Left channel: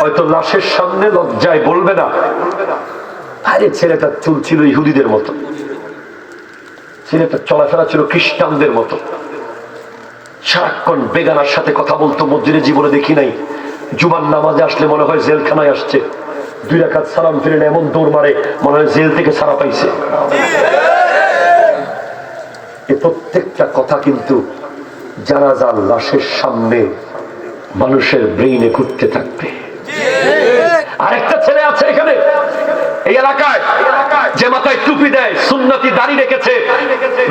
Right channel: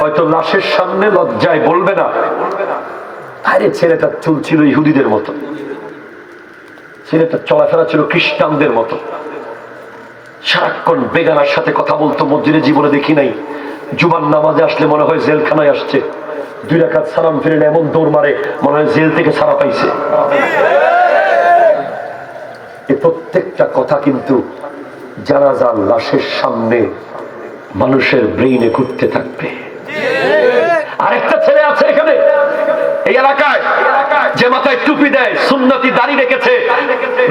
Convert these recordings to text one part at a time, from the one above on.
হয়তো লাশের সামনে লজ্জায় বলবে না। আরে ছেলেটার চুল ছিল ইহুদিদের মতো। ছেলেটার চলাফেরা ছিল খ্রিস্টানদের মতো। সারাক্ষণ বেগানার সাথে কথা বলতো, মসজিদে জীবনে দেখি নাই। জুবান নামাজে আসলে মনে হয় জেলখানায় আসছে। দুই রাখাত সালাম ফিরে এমন দৌড় মারে, মনে হয় জেল থেকে সারা পাইছে। এই প্রত্যেকটা কথা কিন্তু জানাজার লাশের সামনে মানুষের ব্রেইনে ঘুরতে থাকবে আরেকটা ছেলে আছে এখানে এই এলাকায় যে মাথায় টুপি দেয়, সুন্নতি দাড়ি রেখেছে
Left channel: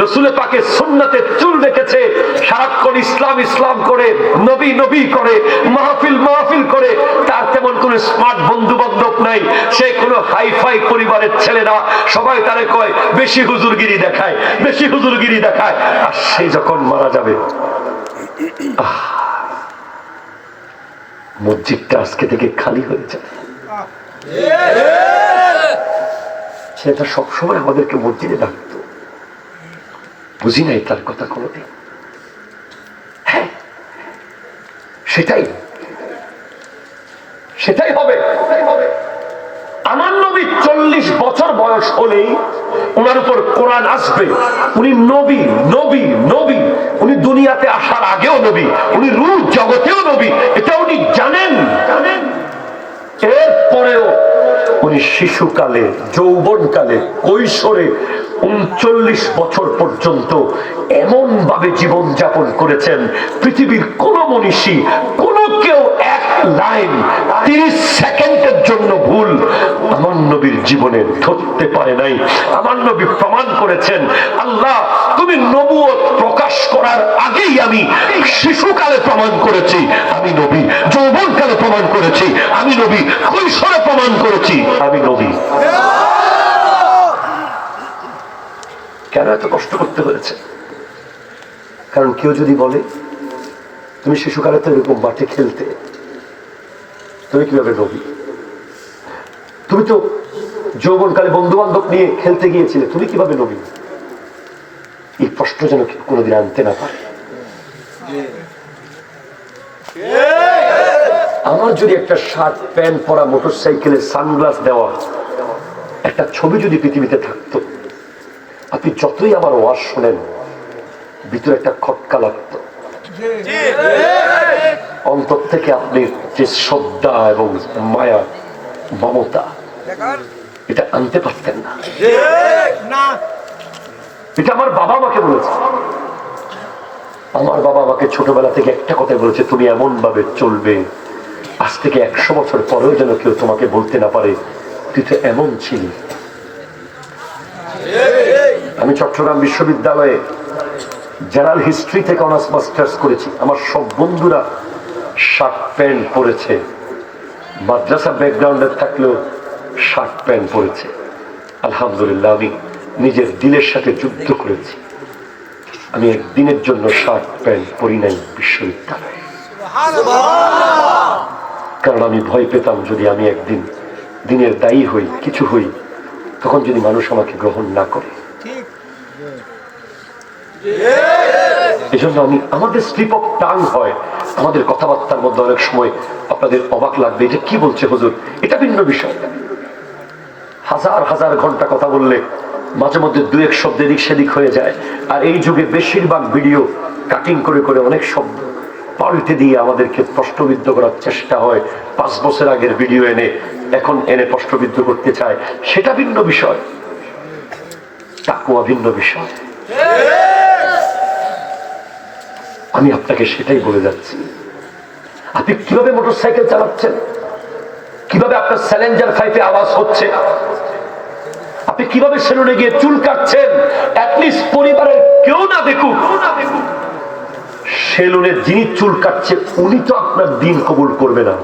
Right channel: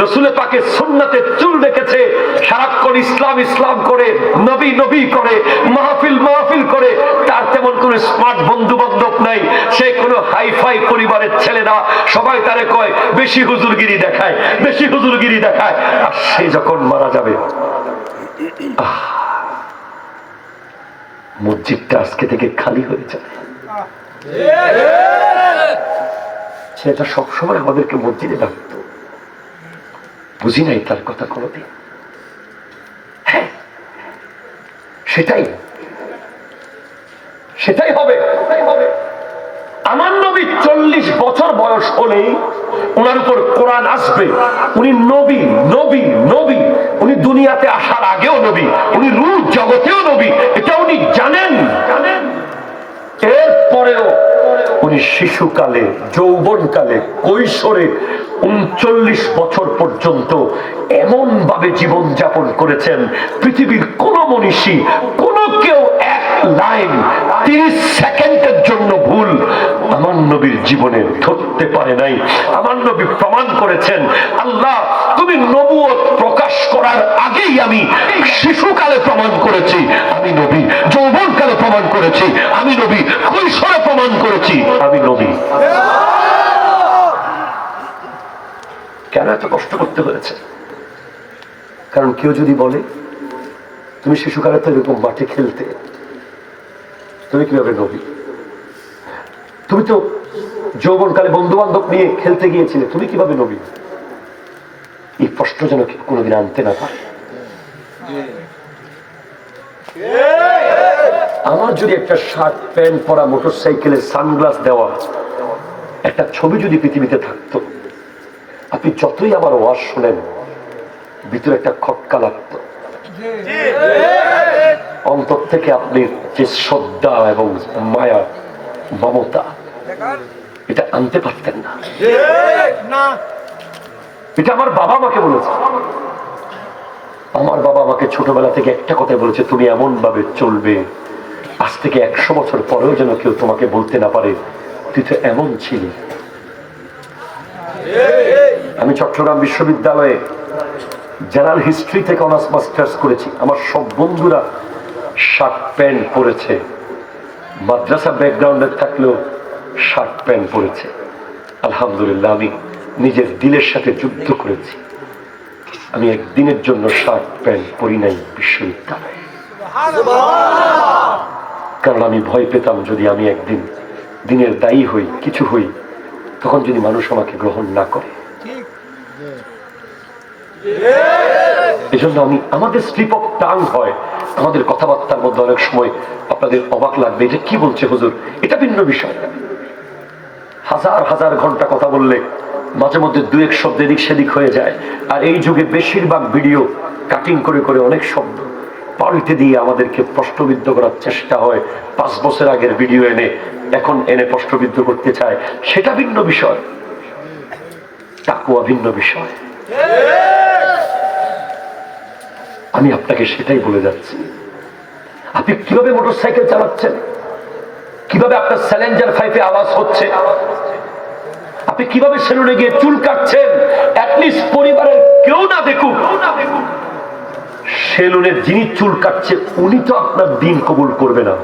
রসুলে পাকে সুন্নতে চুল রেখেছে, সারাক্ষণ ইসলাম ইসলাম করে, নবী নবী করে, মাহফিল মাহফিল করে, তার তেমন কোনো স্মার্ট বন্ধু বান্ধব নাই। সে কোনো হাইফাই পরিবারের ছেলেরা, সবাই তারে কয়, বেশি হুজুরগিরি দেখায়, বেশি হুজুরগিরি দেখায়। আর সে যখন মারা যাবে মসজিদটা আজকে থেকে খালি হয়ে যাবে। সেটা সবসময় আমাদেরকে মসজিদে ডাকত। বুঝি নাই তার কথা কোনোদিন? হ্যাঁ সেটাই। সেটাই হবে। আমার নবী চল্লিশ বছর বয়স হলেই ওনার উপর কোরআন আসবে। উনি নবী নবী নবী। উনি দুনিয়াতে আসার আগেও নবী। উনি রূপ জগতেও নবী। এটা উনি জানেন। এরপরেও উনি শিশুকালে, যৌবনকালে, কৈশোরে উনচল্লিশ বছর পর্যন্ত এমন ভাবে জীবন যাপন করেছেন পৃথিবীর কোন মনীষী, কোন কেউ এক লাইন তিরিশ সেকেন্ডের জন্য ভুল। আমার নবীর জীবনে ধরতে পারে নাই। আমার নবী প্রমাণ করেছেন, আল্লাহ, তুমি নবুয়ত প্রকাশ করার আগেই আমি শিশুকালে প্রমাণ করেছি। আমি নবী, যৌবনকালে প্রমাণ করেছি। আমি নবী, কৈশোরে প্রমাণ করেছি। আমি নবী। কেন এত কষ্ট করতে হয়েছে? কারণ কেউ যদি বলে, তুমি শিশুকালে তো এরকম মাঠে খেলতে, তুমি কীভাবে নবী? তুমি তো যৌবনকালে বন্ধু বান্ধব নিয়ে খেলতে গিয়েছিলে, তুমি কীভাবে নবী? এই প্রশ্ন যেন কোনোদিন আনতে না পারে। আমার যদি একটা শার্ট, প্যান্ট পরা মোটর সাইকেলে সানগ্লাস দেওয়া একটা ছবি যদি পৃথিবীতে থাকতো, আপনি যতই আমার ওয়াজ শোনেন, ভিতরে একটা খটকা লাগত। অন্তর থেকে আপনি যে শ্রদ্ধা এবং মায়া, মমতা এটা আনতে পারতেন না। এটা আমার বাবা আমাকে বলেছে। আমার বাবা আমাকে ছোটবেলা থেকে একটা কথা বলেছে তুমি এমন ভাবে চলবে আজ থেকে একশো বছর পরেও যেন কেউ তোমাকে বলতে না পারে তুই তো এমন ছিলি। আমি চট্টগ্রাম বিশ্ববিদ্যালয়ে জেনারেল হিস্ট্রি থেকে অনার্স মাস্টার্স করেছি। আমার সব বন্ধুরা শার্ট প্যান্ট পরেছে। মাদ্রাসা ব্যাকগ্রাউন্ডে থাকলেও শার্ট প্যান্ট পরেছে আলহামদুলিল্লাহ, আমি নিজের দিলের সাথে যুদ্ধ করেছি। আমি একদিনের জন্য শার্ট প্যান্ট পরি নাই বিশ্ববিদ্যালয়ে। কারণ আমি ভয় পেতাম, যদি আমি একদিন দিনের দায়ী হই, কিছু হই, তখন যদি মানুষ আমাকে গ্রহণ না করে। এই জন্য আমি, আমাদের স্লিপ অফ টাং হয়। আমাদের কথাবার্তার মধ্যে অনেক সময় আপনাদের অবাক লাগবে এটা কি বলছে হুজুর? এটা ভিন্ন বিষয়। হাজার হাজার ঘণ্টা কথা বললে মাঝে মধ্যে দু এক শব্দ এদিক সেদিক হয়ে যায়। আর এই যুগে বেশিরভাগ ভিডিও কাটিং করে করে অনেক শব্দ পাল্টে দিয়ে আমাদেরকে প্রশ্নবিদ্ধ করার চেষ্টা হয়। পাঁচ বছর আগের ভিডিও এনে এখন এনে প্রশ্নবিদ্ধ করতে চায়। সেটা ভিন্ন বিষয়। তাকুয়া ভিন্ন বিষয়। আমি আপনাকে সেটাই বলে যাচ্ছি। আপনি কীভাবে মোটর সাইকেল চালাচ্ছেন? আপনার স্যালেঞ্জার ফাইপে আওয়াজ হচ্ছে? আপনি কীভাবে সেলুনে গিয়ে চুল কাটছেন? পরিবারের কেউ না দেখুন সেলুনে যিনি চুল কাটছে, উনি তো আপনার দিন কবুল করবে না।